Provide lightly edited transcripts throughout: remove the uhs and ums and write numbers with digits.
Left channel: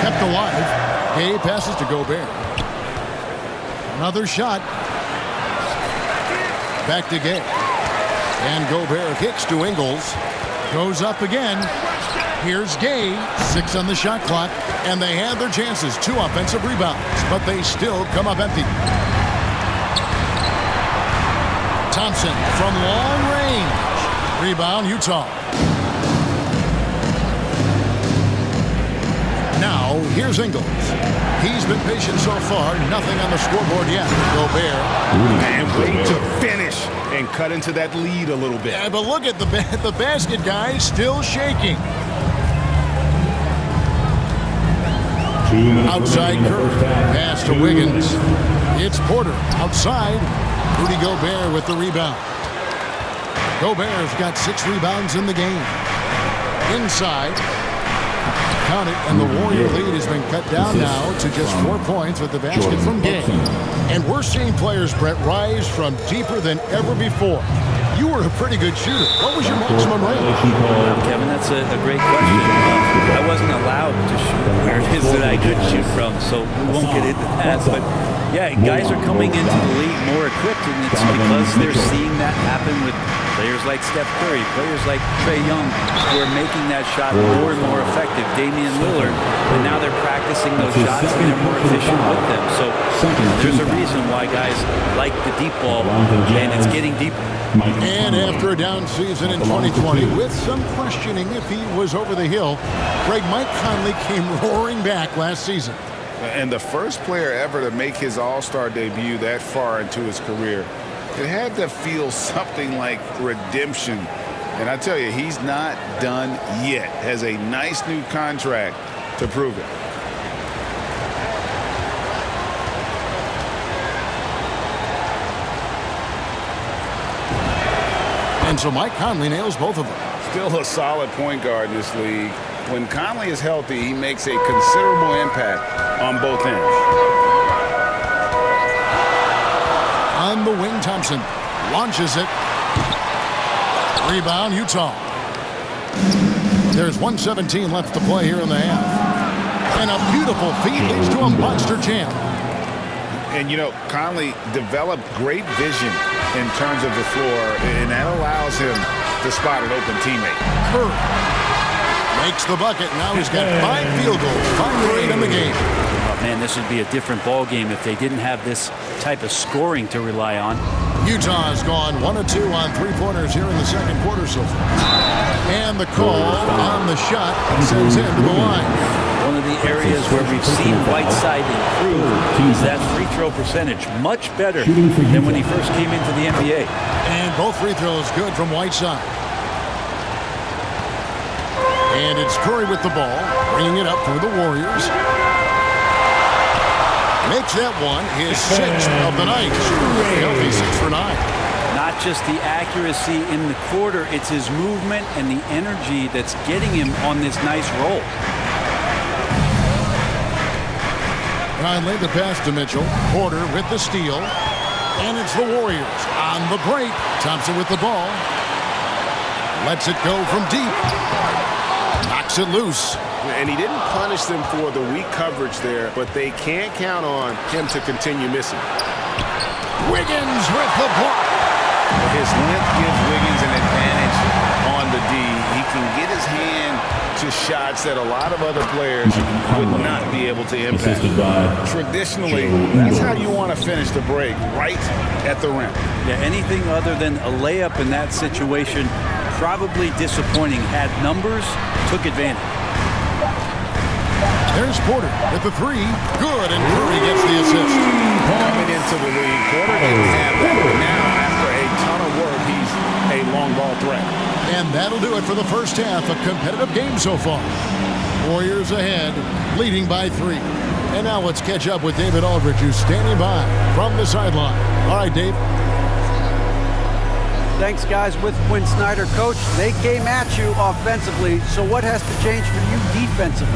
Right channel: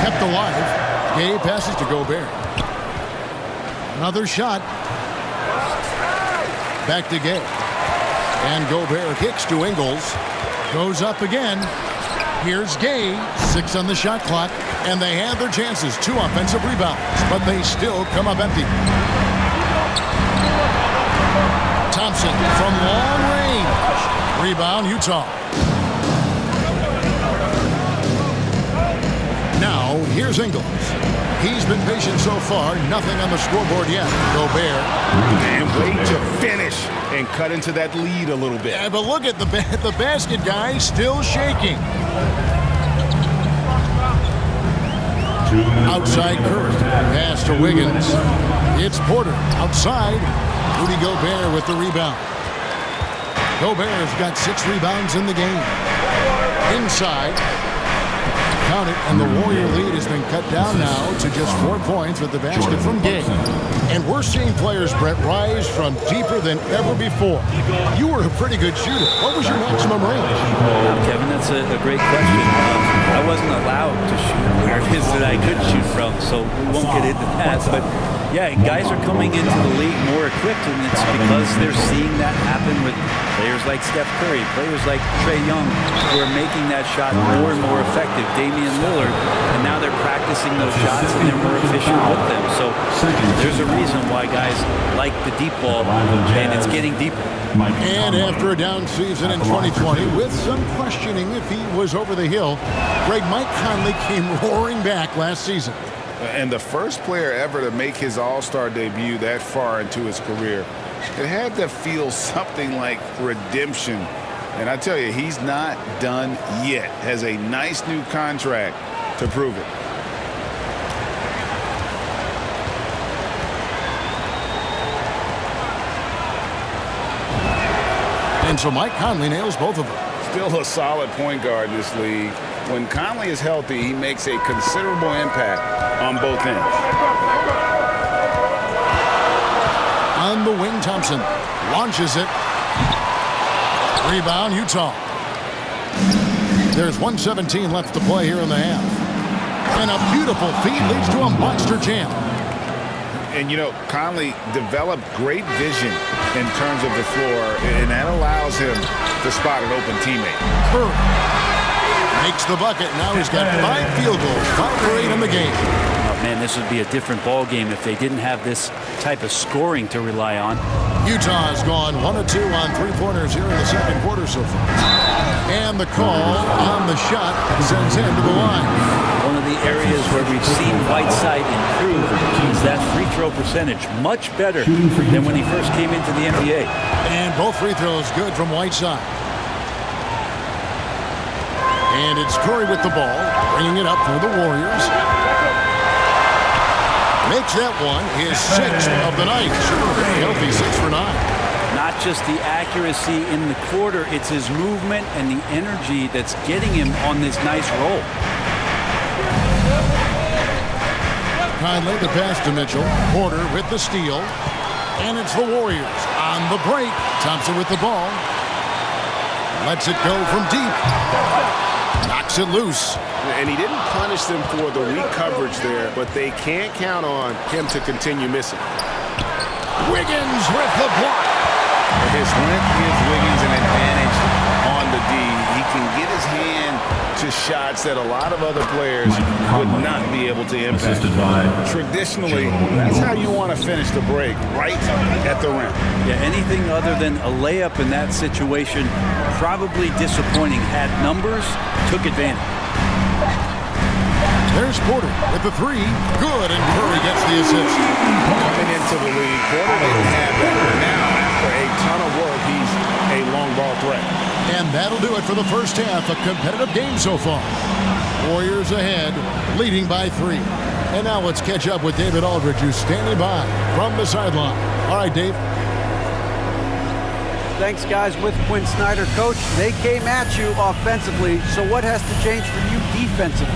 kept alive. Gay passes to Gobert. Another shot. Back to Gay. And Gobert kicks to Ingles. Goes up again. Here's Gay. 6 on the shot clock. And they had their chances. 2 offensive rebounds. But they still come up empty. Thompson from long range. Rebound, Utah. Now, here's Ingles. He's been patient so far. Nothing on the scoreboard yet. Gobert. And wait to finish and cut into that lead a little bit. Yeah, but look at the basket guy still shaking. Outside Curry. Pass to Wiggins. It's Porter. Outside. Rudy Gobert with the rebound. Gobert's got 6 rebounds in the game. Inside. Count it, and the Warrior lead has been cut down now to just 4 points with the basket from Gay. And we're seeing players, Brett, rise from deeper than ever before. You were a pretty good shooter. What was your maximum range? Kevin, that's a great question. I wasn't allowed to shoot where it is that I could shoot from, so we won't get into that. But yeah, guys are coming into the league more equipped, and it's because they're seeing that happen with players like Steph Curry, players like Trae Young, who are making that shot more and more effective. Damian Lillard, and now they're practicing those shots and they're more efficient with them. So there's a reason why guys like the deep ball, and it's getting deeper. And after a down season in 2020, with some questioning if he was over the hill, Mike Conley came roaring back last season. And the first player ever to make his All-Star debut that far into his career, it had to feel something like redemption. And I tell you, he's not done yet. Has a nice new contract to prove it. And so Mike Conley nails both of them. Still a solid point guard in this league. When Conley is healthy, he makes a considerable impact on both ends. On the wing, Thompson launches it. Rebound, Utah. There's 1:17 left to play here in the half. And a beautiful feed leads to a monster jam. And, you know, Conley developed great vision in terms of the floor, and that allows him to spot an open teammate. Curry makes the bucket. Now he's got 5 field goals, 5 for 8 in the game. Oh, man, this would be a different ball game if they didn't have this type of scoring to rely on. Utah has gone 1 of 2 on 3-pointers here in the second quarter so far. And the call on the shot sends him to the line. One of the areas where we've seen Whiteside improve is that free throw percentage. Much better than when he first came into the NBA. And both free throws good from Whiteside. And it's Curry with the ball, bringing it up for the Warriors. Makes that one his 6th of the night. Shooting very healthy, 6 for 9. Not just the accuracy in the quarter, it's his movement and the energy that's getting him on this nice roll. Conley the pass to Mitchell. Porter with the steal. And it's the Warriors on the break. Thompson with the ball. Lets it go from deep. Knocks it loose. And he didn't punish them for the weak coverage there, but they can't count on him to continue missing. Wiggins with the block. His length gives Wiggins an advantage on the D. He can get his hand to shots that a lot of other players would not be able to impact. Traditionally, that's how you want to finish the break, right at the rim. Yeah, anything other than a layup in that situation, probably disappointing. Had numbers, took advantage. There's Porter with the 3. Good, and Curry gets the assist. Coming into the league, Porter didn't have that. But now, after a ton of work, he's a long ball threat. And that'll do it for the first half. A competitive game so far. Warriors ahead, leading by 3. And now let's catch up with David Aldridge, who's standing by from the sideline. All right, Dave. Thanks, guys. With Quinn Snyder, Coach, they came at you offensively. So what has to change for you defensively?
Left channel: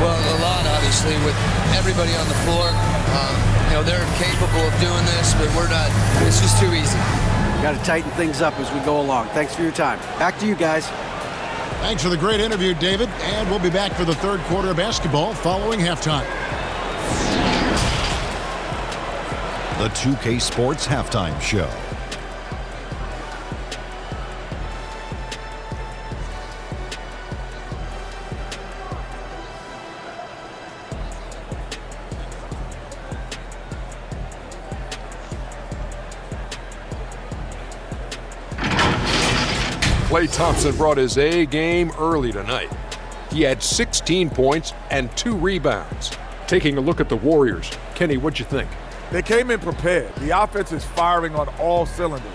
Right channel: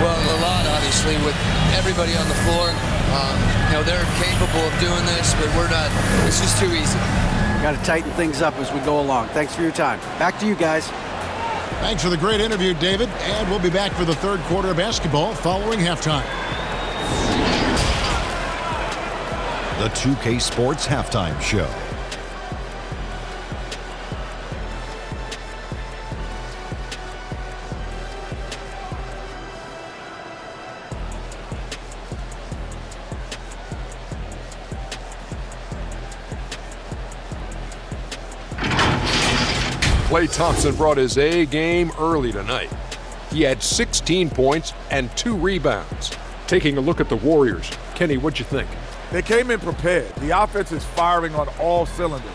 Well, a lot, obviously, with everybody on the floor. You know, they're capable of doing this, but we're not. It's just too easy. Got to tighten things up as we go along. Thanks for your time. Back to you guys. Thanks for the great interview, David. And we'll be back for the third quarter of basketball following halftime. The 2K Sports Halftime Show. Klay Thompson brought his A game early tonight. He had 16 points and 2 rebounds. Taking a look at the Warriors, Kenny, what'd you think? They came in prepared. The offense is firing on all cylinders.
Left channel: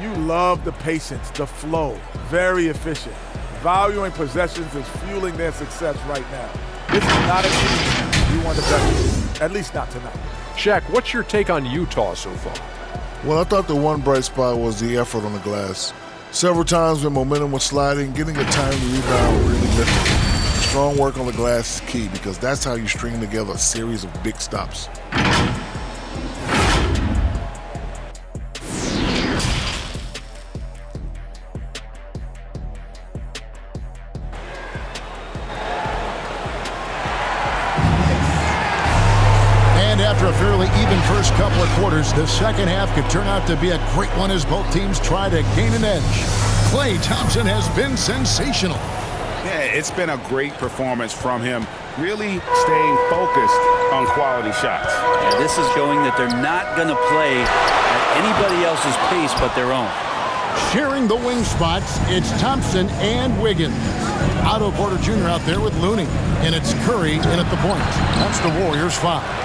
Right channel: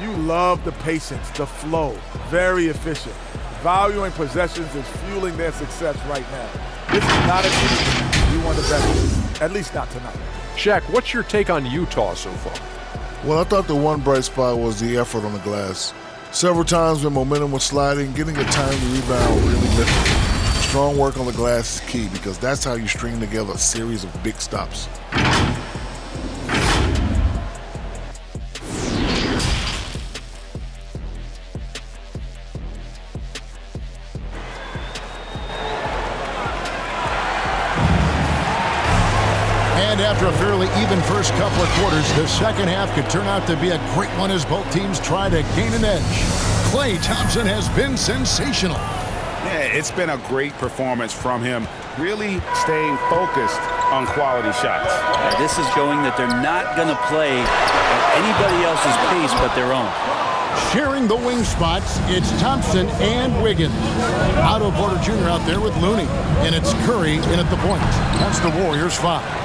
You love the patience, the flow, very efficient. Valuing possessions is fueling their success right now. This is not a team you want to bet against, at least not tonight. Shaq, what's your take on Utah so far? Well, I thought the one bright spot was the effort on the glass. Several times when momentum was sliding, getting a timely rebound really lifted. Strong work on the glass is key because that's how you string together a series of big stops. And after a fairly even first couple of quarters, the second half could turn out to be a great one as both teams try to gain an edge. Klay Thompson has been sensational. Yeah, it's been a great performance from him, really staying focused on quality shots. Yeah, this is showing that they're not going to play at anybody else's pace but their own. Sharing the wing spots, it's Thompson and Wiggins. Otto Porter Jr. out there with Looney, and it's Curry in at the point. That's the Warriors' 5.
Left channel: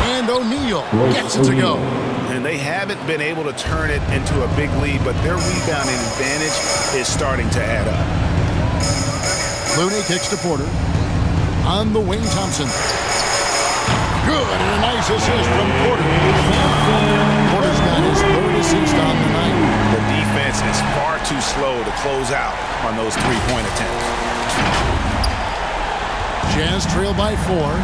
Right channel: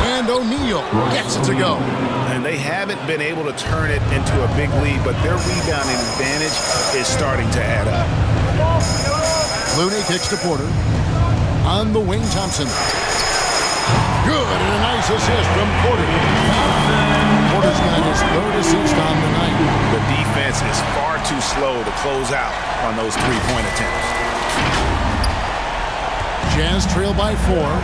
And O'Neal gets it to go. And they haven't been able to turn it into a big lead, but their rebounding advantage is starting to add up. Looney kicks to Porter. On the wing, Thompson. Good, and a nice assist from Porter. Porter's got his third assist on the night. The defense is far too slow to close out on those three-point attempts. Jazz trail by 4.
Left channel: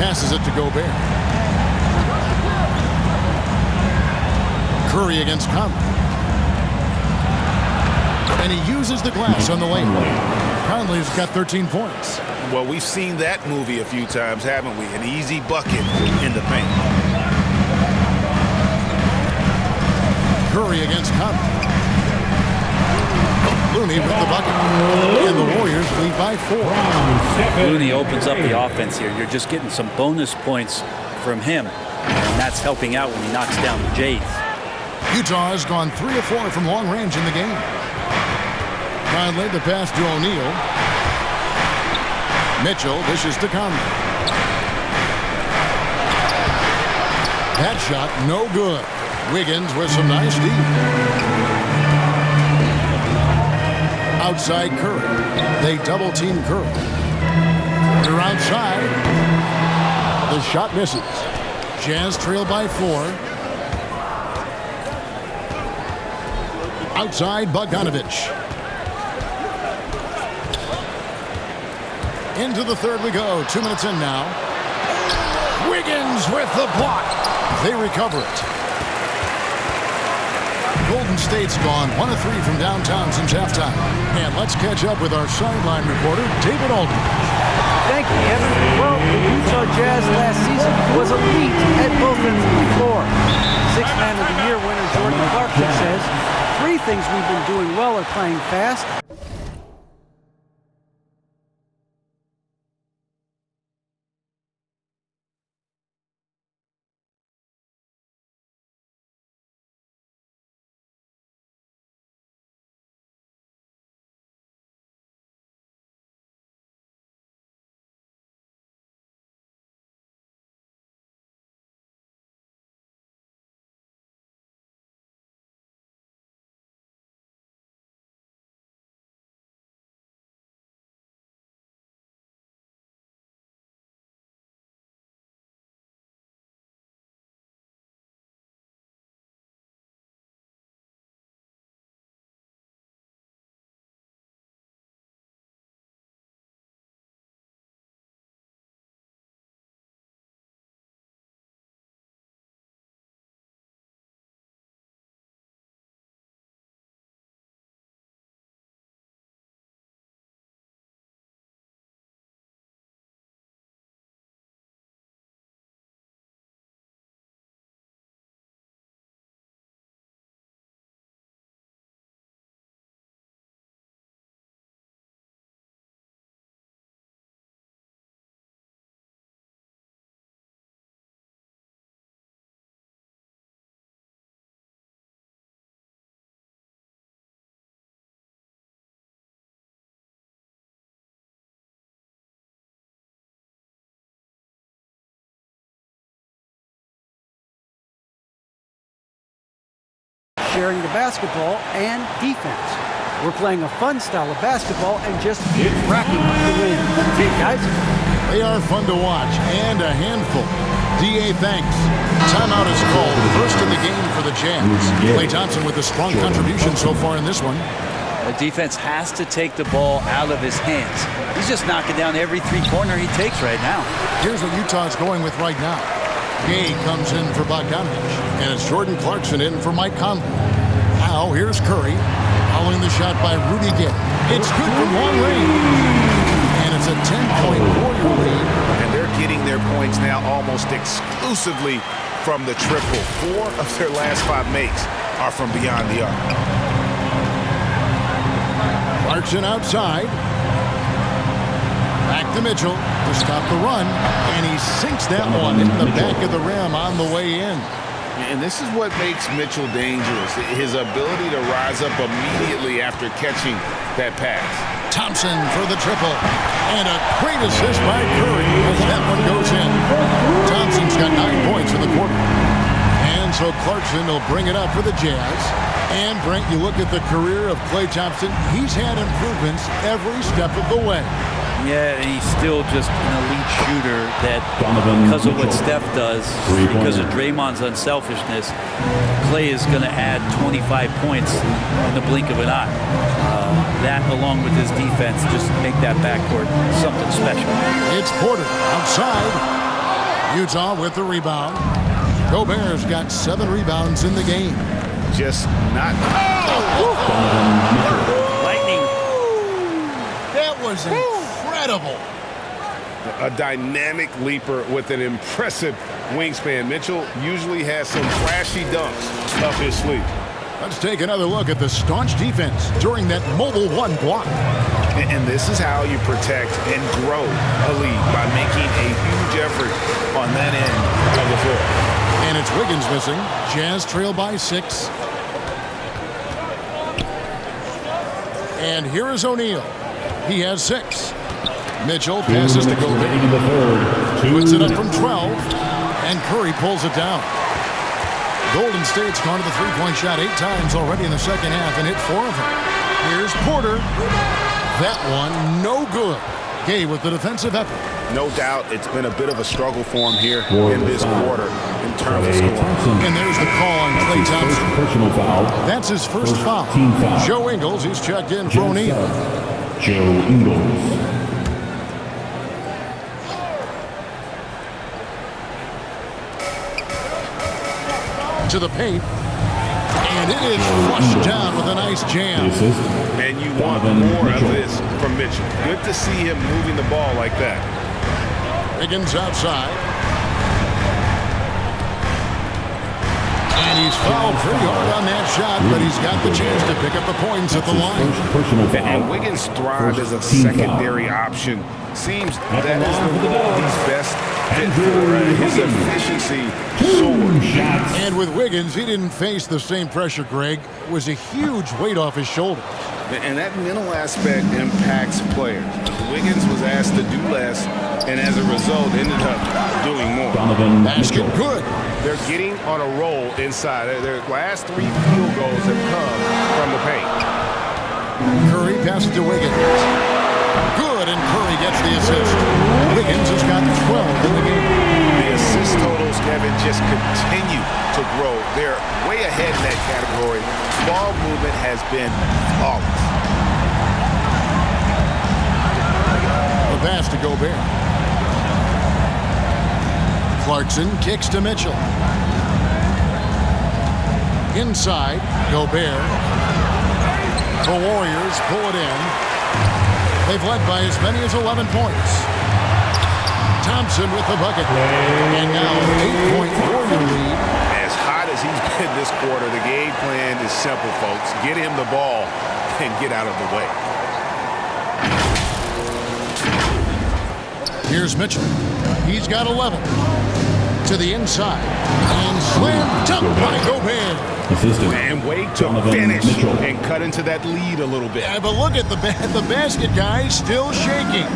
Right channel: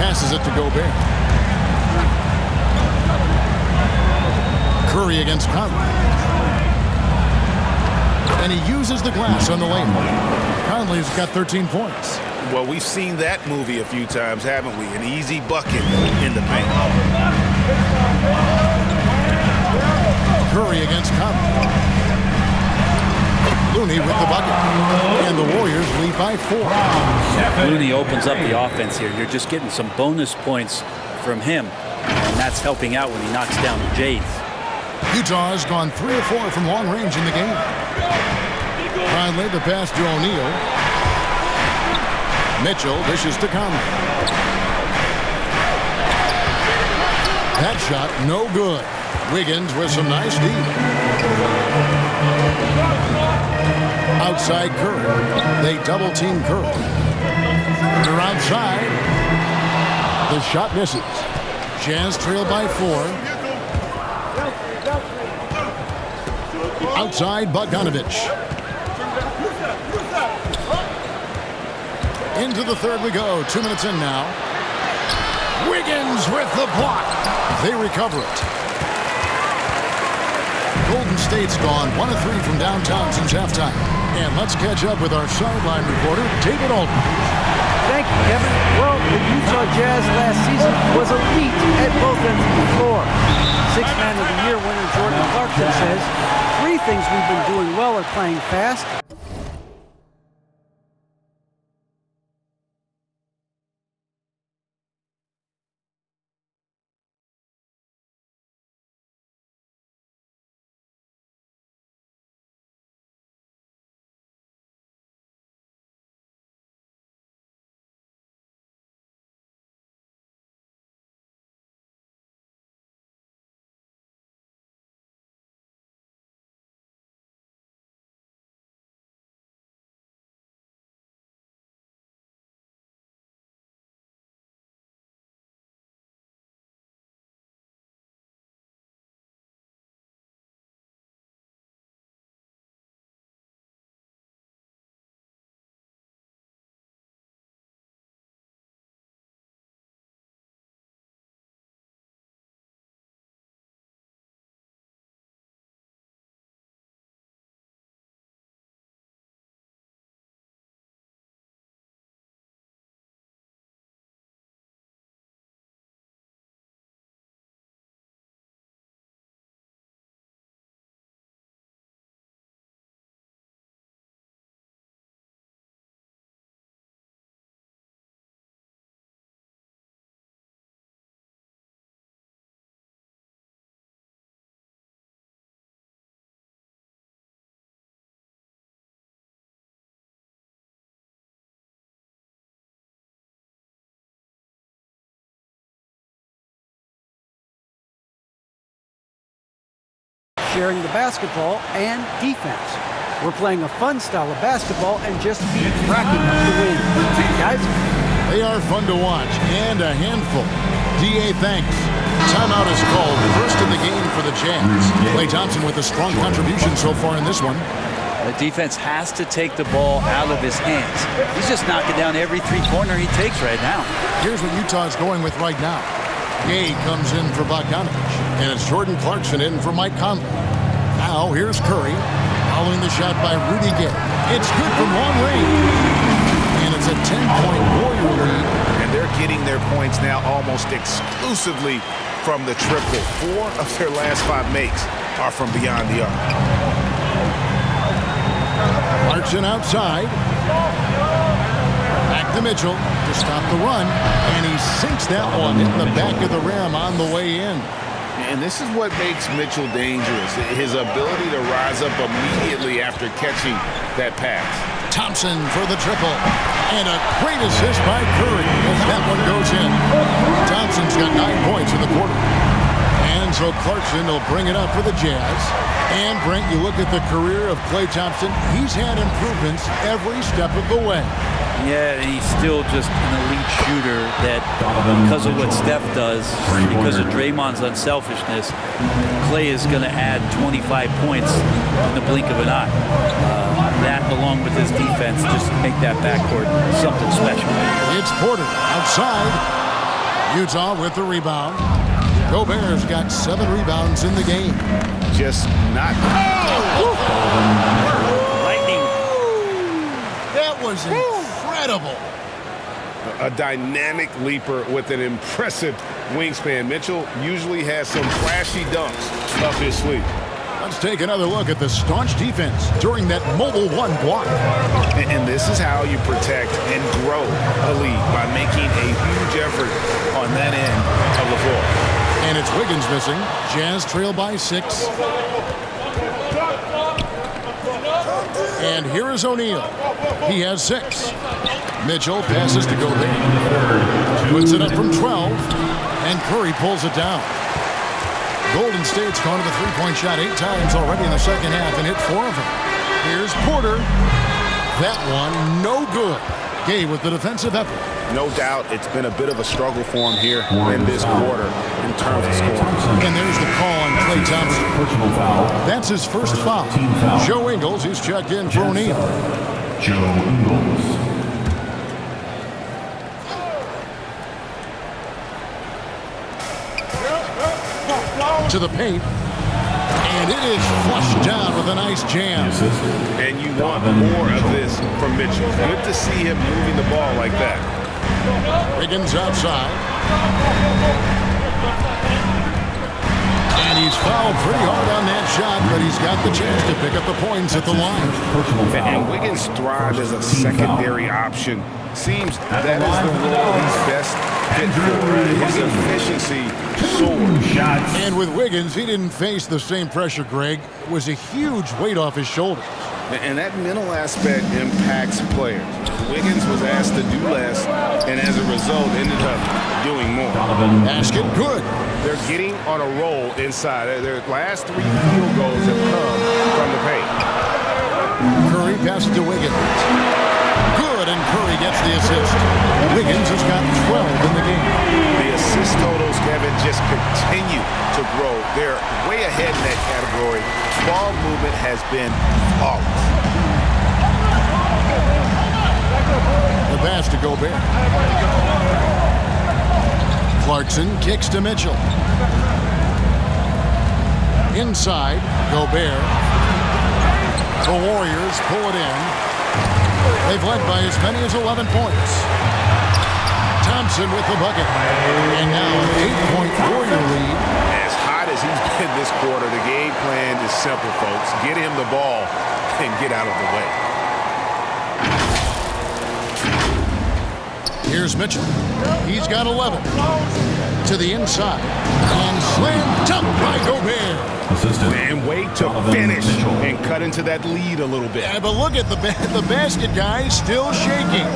Passes it to Gobert. Curry against Conley. And he uses the glass on the lane. Conley's got 13 points. Well, we've seen that movie a few times, haven't we? An easy bucket in the paint. Curry against Conley. Looney with the bucket. And the Warriors lead by 4. Looney opens up the offense here. You're just getting some bonus points from him, and that's helping out when he knocks down the Jays. Utah has gone 3 of 4 from long range in the game. Conley the pass to O'Neal. Mitchell dishes to Conley. That shot no good. Wiggins with some nice D. Outside Curry. They double team Curry. They're outside. The shot misses. Jazz trail by 4. Outside Bogdanovich. Into the third we go. 2 minutes in now. Wiggins with the block. They recover it. Golden State's gone 1 of 3 from downtown since halftime. And let's catch up with our sideline reporter, David Aldridge. Thank you, Kevin. Well, the Utah Jazz last season was elite at both ends of the floor. Sixth Man of the Year winner Jordan Clarkson says, 3 things we've been doing well are playing fast, sharing the basketball and defense. We're playing a fun style of basketball and just keep racking up the wins. Guys? They are fun to watch and a handful. D.A. thanks. Timeout is called. First in the game for the Jazz. Klay Thompson with a strong contribution so far in this one. The defense has to take the ball out of his hands. He's just knocking down every three-pointer he takes right now. Here's what Utah's going with right now. Gay comes in for Bogdanovich, and it's Jordan Clarkson in for Mike Conley. Now here's Curry, following the shot by Rudy Gay. It's good from long range. And it's a 10-point Warrior lead. And they're getting their points now almost exclusively from the triple. 4 of their last 5 makes are from beyond the arc. Clarkson outside. Back to Mitchell to stop the run. And he sinks that one in the back of the rim on the way in. And this is what makes Mitchell dangerous. His ability to rise up immediately after catching that pass. Thompson for the triple. And a great assist by Curry as that one goes in. Thompson's got 9 points in the quarter. And so Clarkson will bring it up for the Jazz. And, Brent, you look at the career of Klay Thompson, he's had improvements every step of the way. Yeah, and he's still just an elite shooter that because of what Steph does, because of Draymond's unselfishness, Klay is going to add 25 points in the blink of an eye. That, along with his defense, just make that backcourt something special. It's Porter outside. Utah with the rebound. Gobert's got 7 rebounds in the game. Just not. Lightning. That was incredible. A dynamic leaper with an impressive wingspan. Mitchell usually has some flashy dunks up his sleeve. Let's take another look at the staunch defense during that mobile 1 block. And this is how you protect and grow a lead, by making a huge effort on that end of the floor. And it's Wiggins missing. Jazz trail by 6. And here is O'Neal. He has 6. Mitchell passes to Gobert. Puts it up from 12. And Curry pulls it down. Golden State's gone to the three-point shot 8 times already in the second half and hit 4 of them. Here's Porter. That one, no good. Gay with the defensive effort. No doubt it's been a bit of a struggle for him here in this quarter in terms of scoring. And there's the call on Klay Thompson. Personal foul. That's his first foul. Team foul. Joe Ingles, who's checked in for O'Neal. Joe Ingles. To the paint. And it is flushed down with a nice jam. And you want more of this from Mitchell. Good to see him moving the ball like that. Wiggins outside. And he's fouled pretty hard on that shot, but he's got the chance to pick up the points at the line. And Wiggins thrived as a secondary option. Seems that is the role he's best fit for. His efficiency soared. And with Wiggins, he didn't face the same pressure, Greg. It was a huge weight off his shoulders. And that mental aspect impacts players. Wiggins was asked to do less, and as a result, ended up doing more. Basket good. They're getting on a roll inside. Their last 3 field goals have come from the paint. Curry passes to Wiggins. Good, and Curry gets the assist. Wiggins has got 12 in the game. The assist totals, Kevin, just continue to grow. They're way ahead in that category. Ball movement has been flawless. The pass to Gobert. Clarkson kicks to Mitchell. Inside, Gobert. The Warriors pull it in. They've led by as many as 11 points. Thompson with the bucket. And now an 8-point Warrior lead. As hot as he's been this quarter, the game plan is simple, folks. Get him the ball and get out of the way. Here's Mitchell. He's got 11. To the inside. And slam dunk by Gobert. And wait to finish and cut into that lead a little bit. Yeah, but look at the basket, guys, still shaking.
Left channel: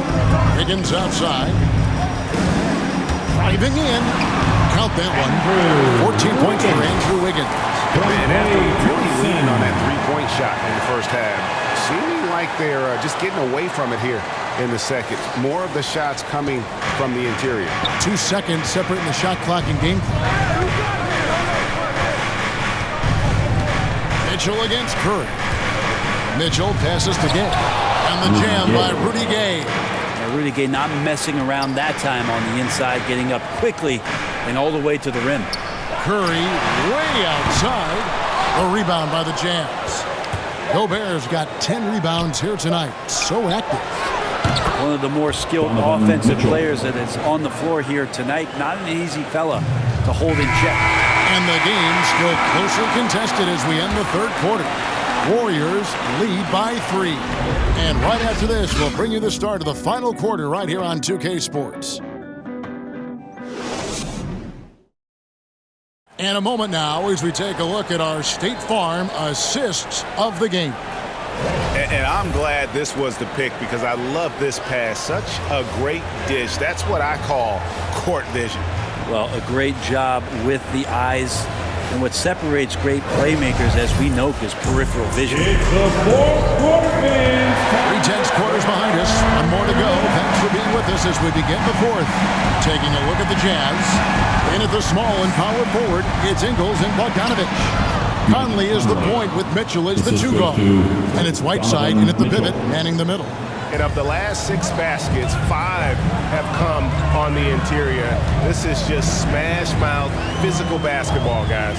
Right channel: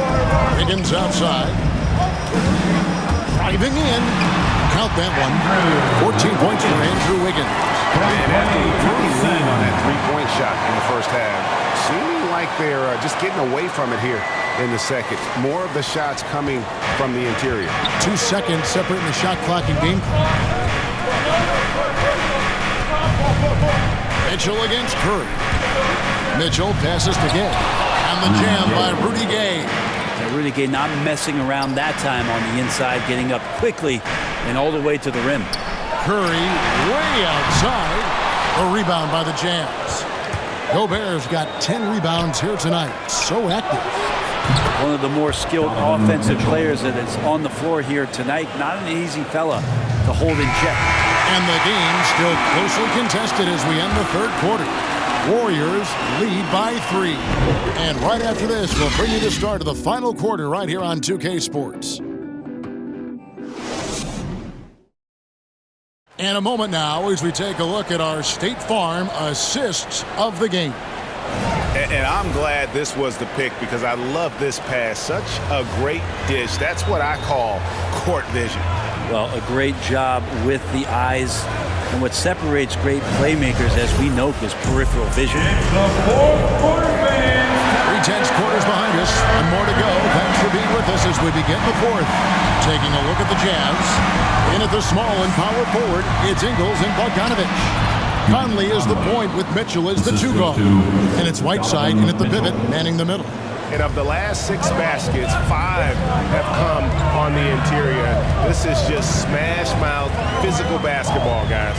Wiggins outside. Driving in. Count that one. 14 points for Andrew Wiggins. And after really lean on that three-point shot in the first half, seeming like they're just getting away from it here in the second. More of the shots coming from the interior. 2 seconds separating the shot clock and game clock. Mitchell against Curry. Mitchell passes to Gay. And the jam by Rudy Gay. And Rudy Gay not messing around that time on the inside, getting up quickly and all the way to the rim. Curry way outside. A rebound by the Jams. Gobert's got 10 rebounds here tonight. So active. One of the more skilled offensive players that is on the floor here tonight. Not an easy fella to hold in check. And the game still closely contested as we end the third quarter. Warriors lead by 3. And right after this, we'll bring you the start of the final quarter right here on 2K Sports. And a moment now as we take a look at our State Farm assists of the game. And I'm glad this was the pick because I love this pass. Such a great dish. That's what I call court vision. Well, a great job with the eyes. And what separates great playmakers, as we know, is peripheral vision. It's the fourth quarter, fans. 3/10 quarters behind us. One more to go. Thanks for being with us as we begin the fourth. Taking a look at the Jazz. In at the small and power forward, it's Ingles and Bogdanovich. Conley is the point with Mitchell as the 2 guard. And it's Whiteside in at the pivot, manning the middle. And of the last 6 baskets, 5 have come on the interior. This is just smash mouth physical basketball, guys.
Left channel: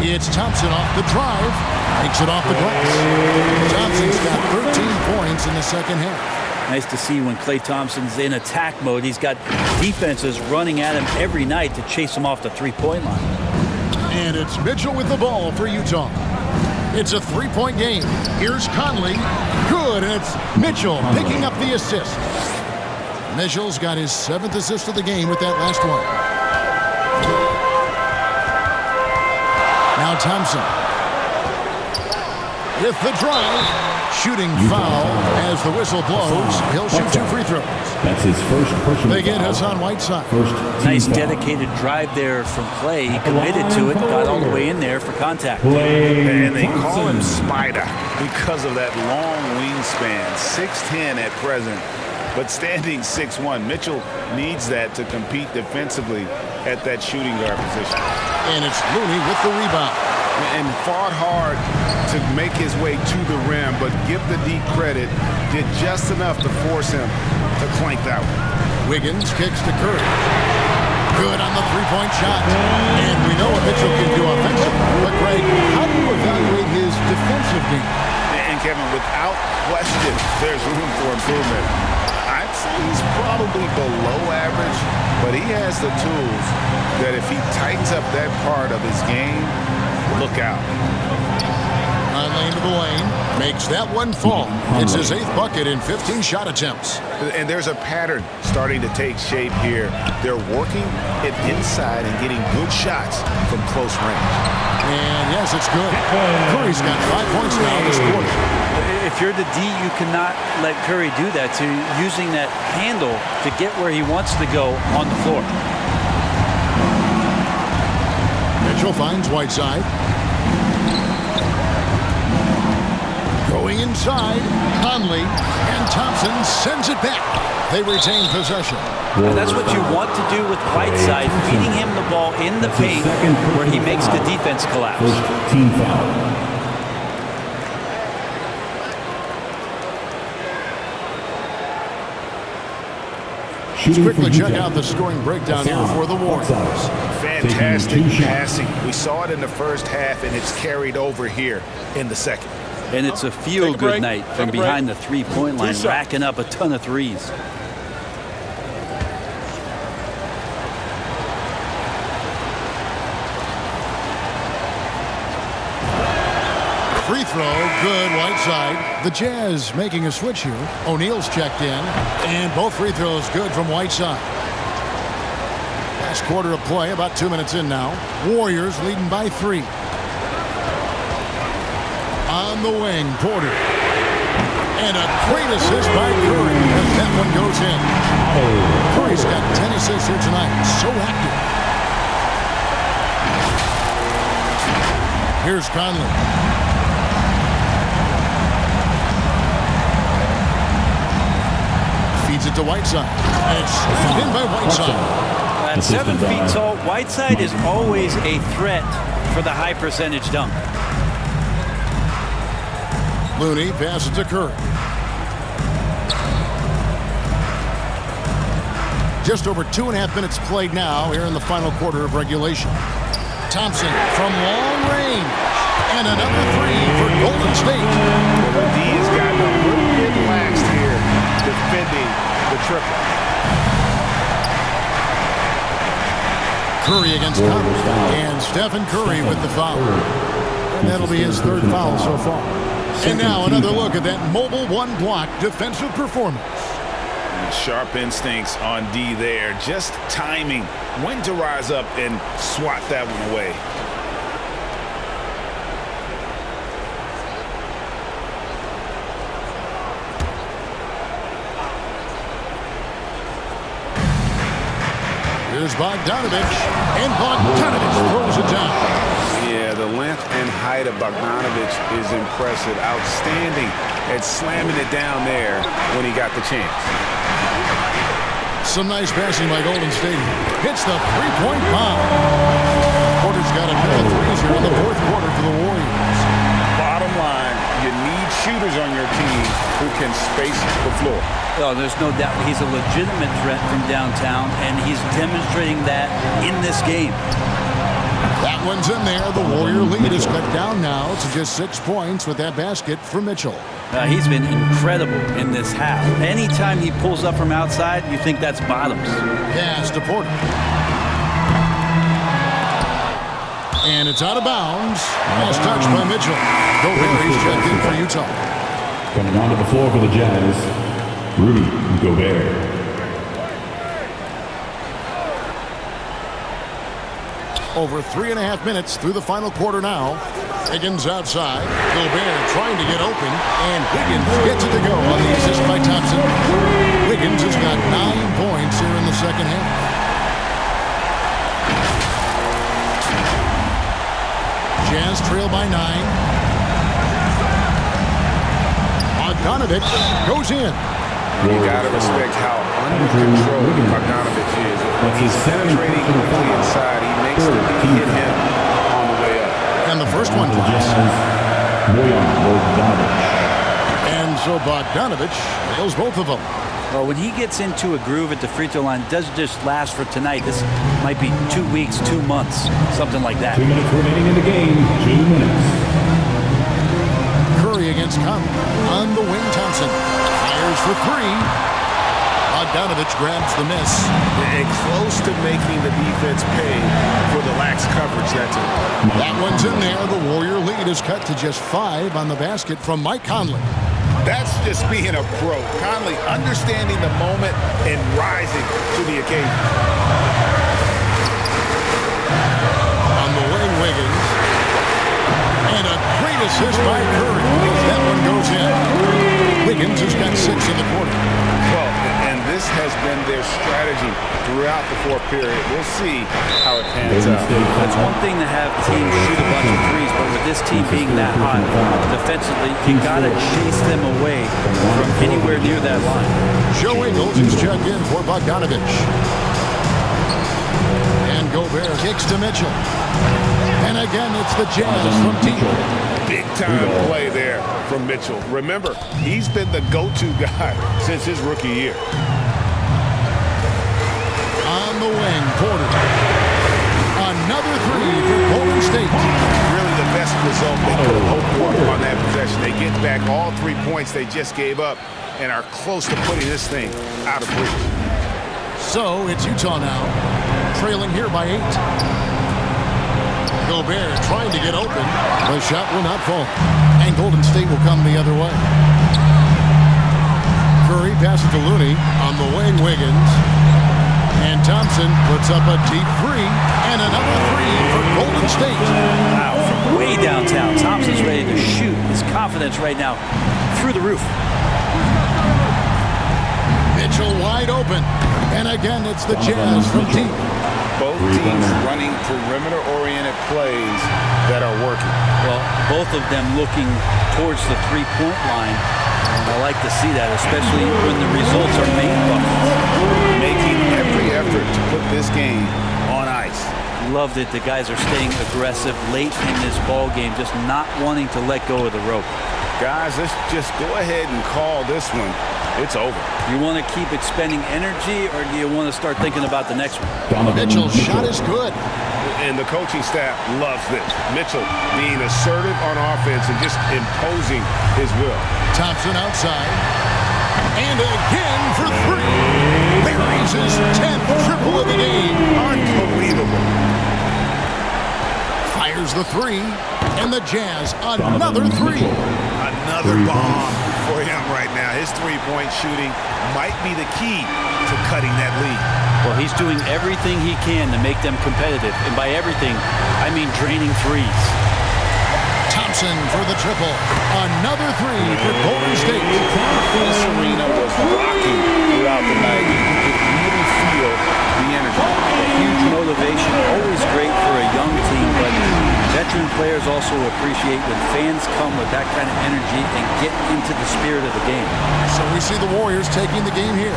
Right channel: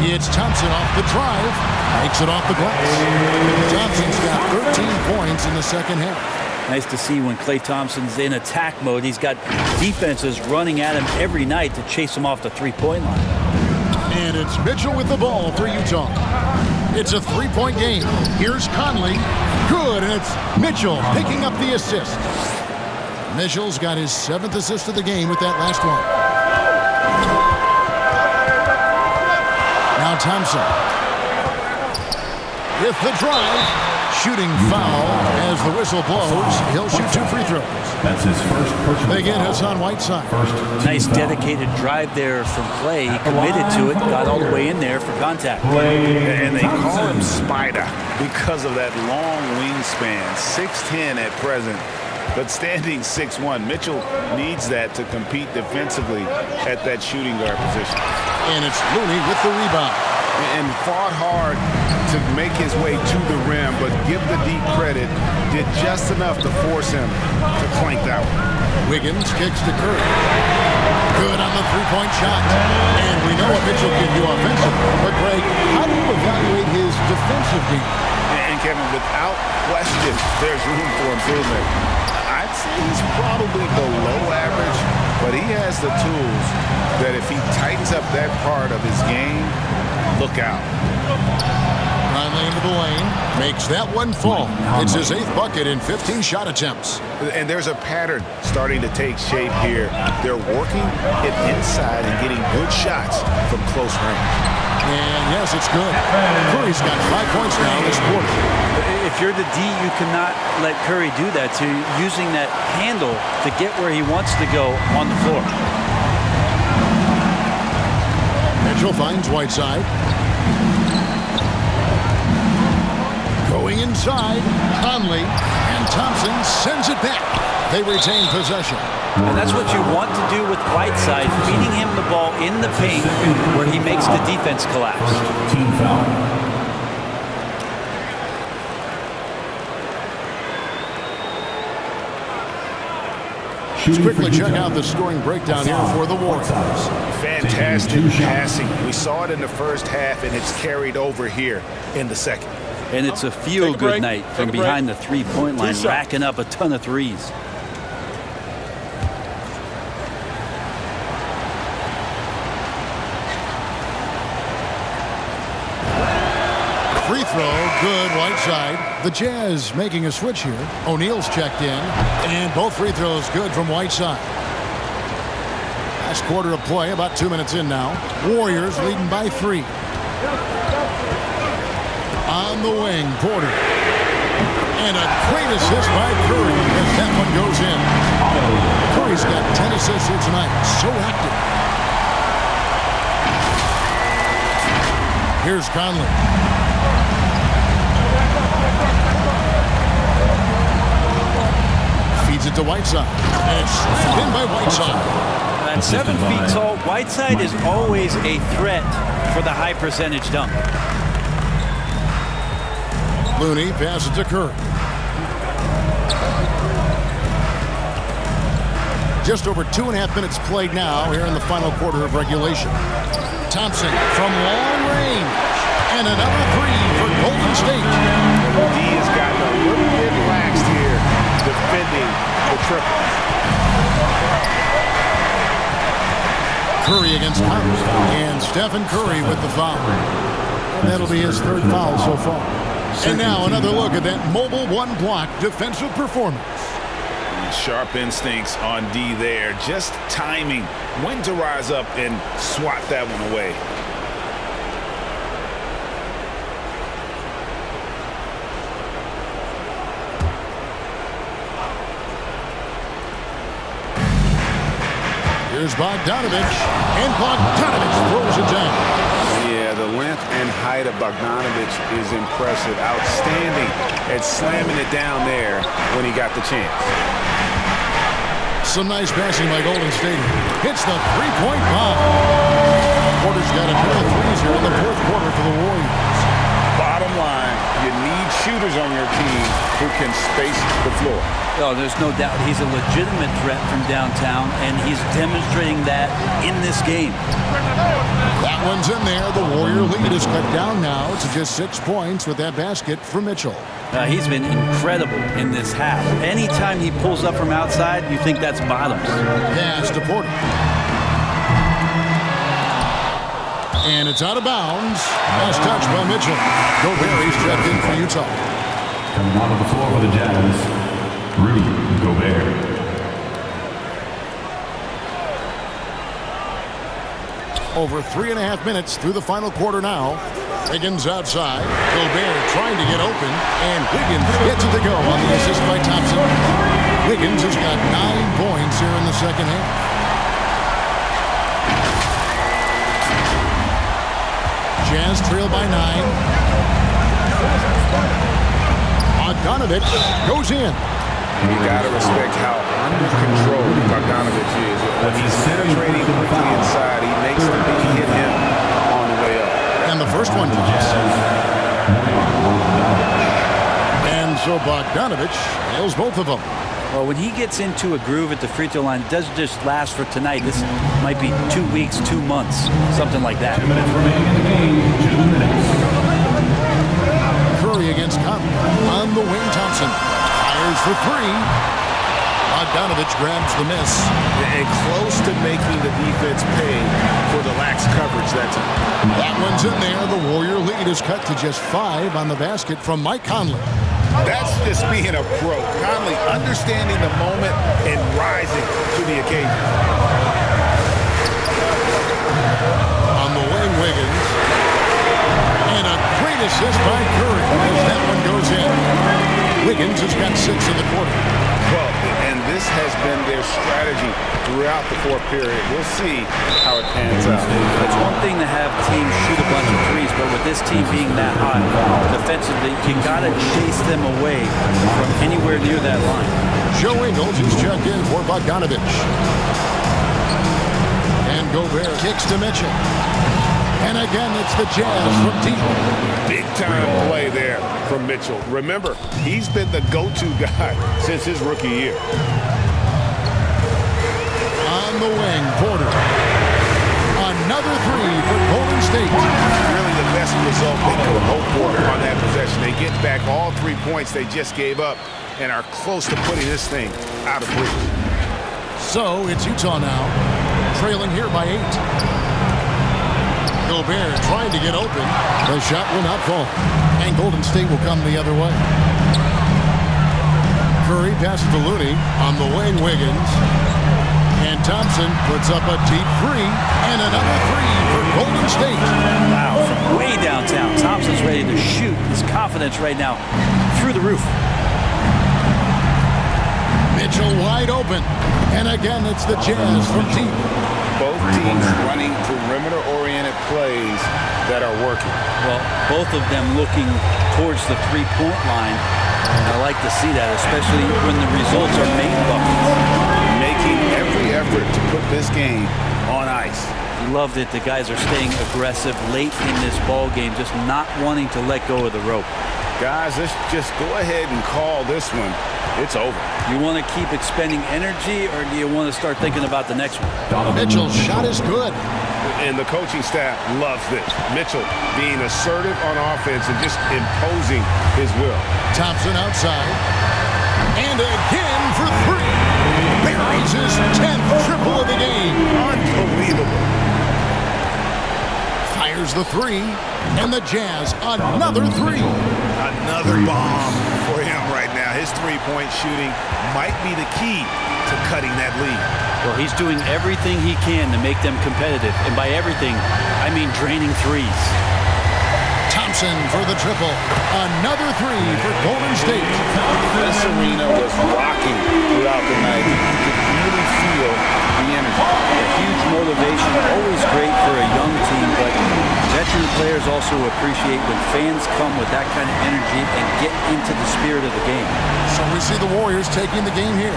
It's Thompson off the drive. Makes it off the glass. Thompson's got 13 points in the second half. Nice to see when Klay Thompson's in attack mode. He's got defenses running at him every night to chase him off the three-point line. And it's Mitchell with the ball for Utah. It's a 3-point game. Here's Conley. Good, and it's Mitchell picking up the assist. Mitchell's got his 7th assist of the game with that last one. Now Thompson. With the drive. Shooting foul as the whistle blows. He'll shoot 2 free throws. That's his first personal They get foul. Hassan Whiteside. Nice dedicated drive there from Klay. He committed to it, got all the way in there for contact. And they call him Spider because of that long wingspan, 6'10" at present, but standing 6'1". Mitchell needs that to compete defensively at that shooting guard position. And it's Looney with the rebound. And fought hard to make his way to the rim, but give the D credit, did just enough to force him to clank that one. Wiggins kicks to Curry. Good on the 3-point shot. And we know what Mitchell can do offensively. But, Greg, how do you evaluate his defensive game? And, Kevin, without question, there's room for improvement. I'd say he's probably below average, but he has the tools that if he tightens up that part of his game, look out. Conley into the lane. Makes that one fall. It's his 8th bucket in 15 shot attempts. And there's a pattern starting to take shape here. They're working it inside and getting good shots from close range. And, yes, it's good. Curry's got 5 points now this quarter. If you're the D, you cannot let Curry do that. So you're using that handle to get where he wants to go on the floor. Mitchell finds Whiteside. Going inside, Conley, and Thompson sends it back. They retain possession. And that's what you want to do with Whiteside, feeding him the ball in the paint where he makes the defense collapse. First team foul. Let's quickly check out the scoring breakdown here for the Warriors. Fantastic passing. We saw it in the first half, and it's carried over here in the second. And it's a feel-good night from behind the three-point line, racking up a ton of threes. Free throw, good, Whiteside. The Jazz making a switch here. O'Neal's checked in, and both free throws good from Whiteside. Last quarter of play, about 2 minutes in now. Warriors leading by 3. On the wing, Porter. And a great assist by Curry as that one goes in. Curry's got 10 assists here tonight. So active. Here's Conley. Feeds it to Whiteside. It's in by Whiteside. At 7 feet tall, Whiteside is always a threat for the high percentage dunk. Looney passes to Curry. Just over 2.5 minutes played now here in the final quarter of regulation. Thompson from long range. And another three for Golden State. Well, the D has gotten a little bit laxed here defending the triple. Curry against Conley. And Stephen Curry with the foul. And that'll be his third foul so far. And now another look at that mobile one-block defensive performance. Sharp instincts on D there. Just timing when to rise up and swat that one away. Here's Bogdanovich, and Bogdanovich throws it down. Yeah, the length and height of Bogdanovich is impressive. Outstanding at slamming it down there when he got the chance. Some nice passing by Golden State. Hits the three-point bomb. Porter's got a pair of threes here in the fourth quarter for the Warriors. Bottom line, you need shooters on your team who can space the floor. Oh, there's no doubt he's a legitimate threat from downtown, and he's demonstrating that in this game. That one's in there. The Warrior lead is cut down now to just 6 points with that basket for Mitchell. He's been incredible in this half. Anytime he pulls up from outside, you think that's bottoms. Pass to Porter. And it's out of bounds. Last touch by Mitchell. Gobert, he's checked in for Utah. Coming onto the floor for the Jazz, Rudy Gobert. Over 3.5 minutes through the final quarter now. Wiggins outside. Gobert trying to get open. And Wiggins gets it to go on the assist by Thompson. Wiggins has got 9 points here in the second half. Jazz trail by 9. Bogdanovich goes in. You got to respect how under control Bogdanovich is. When he's penetrating quickly inside, he makes the D hit him on the way up. And the first one drops. And so Bogdanovich nails both of them. Well, when he gets into a groove at the free throw line, it doesn't just last for tonight. This might be 2 weeks, 2 months, something like that. 2 minutes remaining in the game. 2 minutes. Curry against Conley. On the wing, Thompson fires for three. Bogdanovich grabs the miss. And close to making the defense pay for the lax coverage that time. That one's in there. The Warrior lead is cut to just 5 on the basket from Mike Conley. That's just being a pro. Conley understanding the moment and rising to the occasion. On the wing, Wiggins. And a great assist by Curry as that one goes in. Wiggins has got 6 in the quarter. Well, and this has been their strategy throughout the fourth period. We'll see how it pans out. It's one thing to have teams shoot a bunch of threes, but with this team being that hot defensively, you got to chase them away from anywhere near that line. Joe Ingles is checked in for Bogdanovich. And Gobert kicks to Mitchell. And again, it's the Jazz from deep. Big-time play there from Mitchell. Remember, he's been the go-to guy since his rookie year. On the wing, Porter. Another three for Golden State. Really the best result they could have hoped for on that possession. They get back all 3 points they just gave up and are close to putting this thing out of reach. So it's Utah now, trailing here by 8. Gobert trying to get open. The shot will not fall. And Golden State will come the other way. Curry passes to Looney. On the wing, Wiggins. And Thompson puts up a deep three. And another three for Golden State. Wow, from way downtown. Thompson's ready to shoot. His confidence right now through the roof. Mitchell wide open. And again, it's the Jazz from deep. both teams running perimeter-oriented plays that are working. Well, both of them looking towards the three-point line. And I like to see that, especially when the results are made buckets. Making every effort to put this game on ice. Loved it. The guys are staying aggressive late in this ball game, just not wanting to let go of the rope. Guys, let's just go ahead and call this one. It's over. You want to keep expending energy, or do you want to start thinking about the next one? Mitchell's shot is good. And the coaching staff loves this. Mitchell being assertive on offense and just imposing his will. Thompson outside. And again for three. Buries his 10th triple of the game. Unbelievable. Fires the three. And the Jazz, another three. Another bomb for him right now. His three-point shooting might be the key to cutting that lead. Well, he's doing everything he can to make them competitive. And by everything, I mean draining threes. Thompson for the triple. Another three for Golden State. This arena was rocking throughout the night. You could really feel the energy. A huge motivation, always great for a young team, but veteran players also appreciate when fans come with that kind of energy and get into the spirit of the game. So we see the Warriors taking the game here.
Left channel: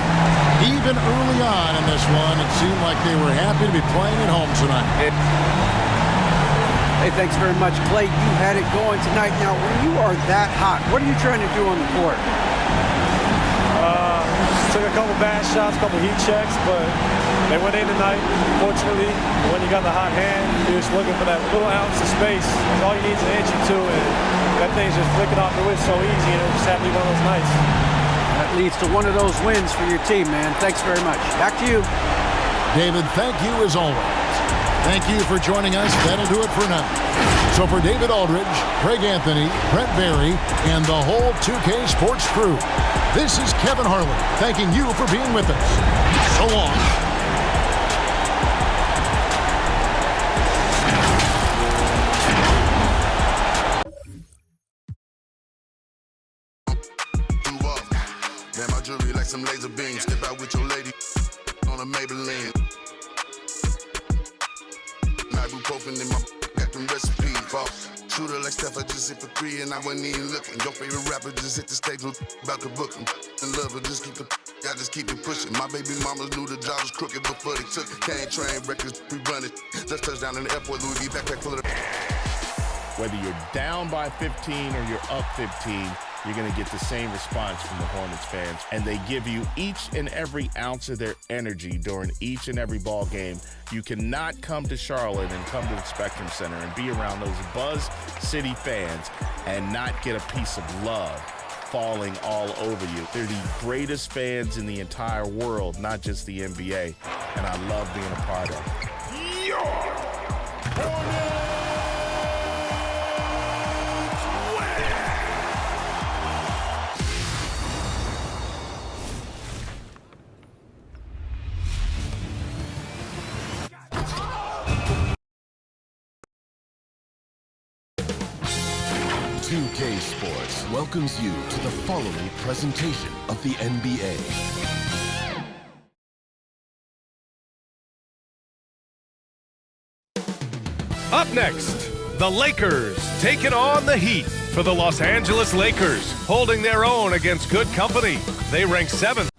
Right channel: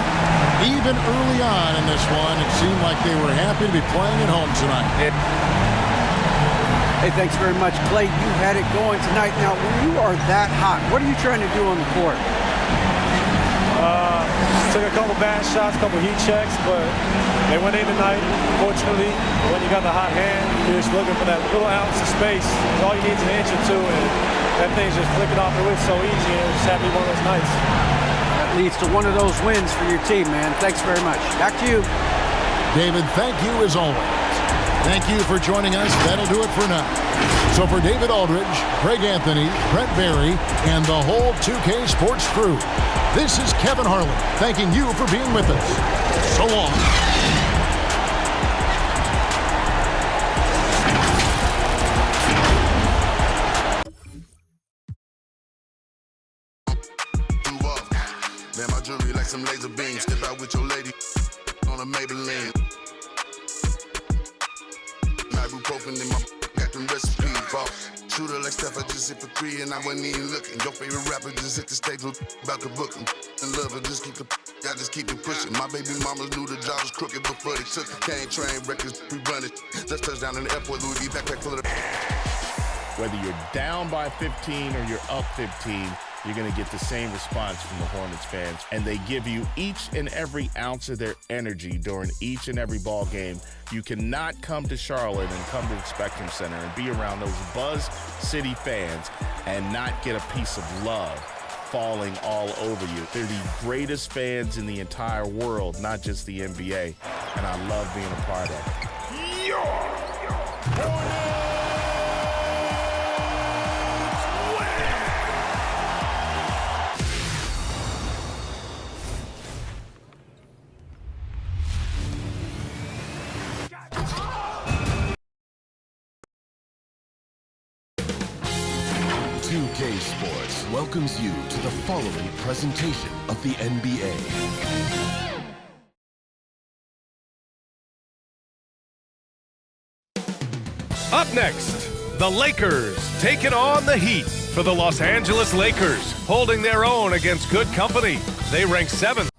Even early on in this one, it seemed like they were happy to be playing at home tonight. Hey, thanks very much, Clay. You had it going tonight. Now, when you are that hot, what are you trying to do on the court? Took a couple bad shots, a couple heat checks, but they went in tonight, fortunately. When you got the hot hand, you're just looking for that little ounce of space. Because all you need is an inch or two, and that thing's just flicking off the wrist so easy, and it just had to be one of those nights. That leads to one of those wins for your team, man. Thanks very much. Back to you. David, thank you as always. Thank you for joining us. That'll do it for now. So for David Aldridge, Craig Anthony, Brent Barry, and the whole 2K Sports crew, this is Kevin Harlan thanking you for being with us. So long. Man, my jewelry like some laser beams. Step out with your lady on a Maybelline. Ibuprofen in my got them recipes. Shooter like Steph, I just hit for 3 and I wasn't even looking. Your favorite rapper just hit the stage with about to book him. And love her, just keep the I just keep it pushing. My baby mamas knew the job was crooked before they took it. Can't train records, we run it. Just touchdown in the airport, Louis V backpack full of Whether you're down by 15 or you're up 15, you're going to get the same response from the Hornets fans. And they give you each and every ounce of their energy during each and every ball game. You cannot come to Charlotte and come to the Spectrum Center and be around those Buzz City fans and not get a piece of love falling all over you. They're the greatest fans in the entire world, not just the NBA. And I love being a part of it. Hornets! 2K Sports welcomes you to the following presentation of the NBA. Up next, the Lakers taking on the Heat for the Los Angeles Lakers, holding their own against good company. They rank 7th.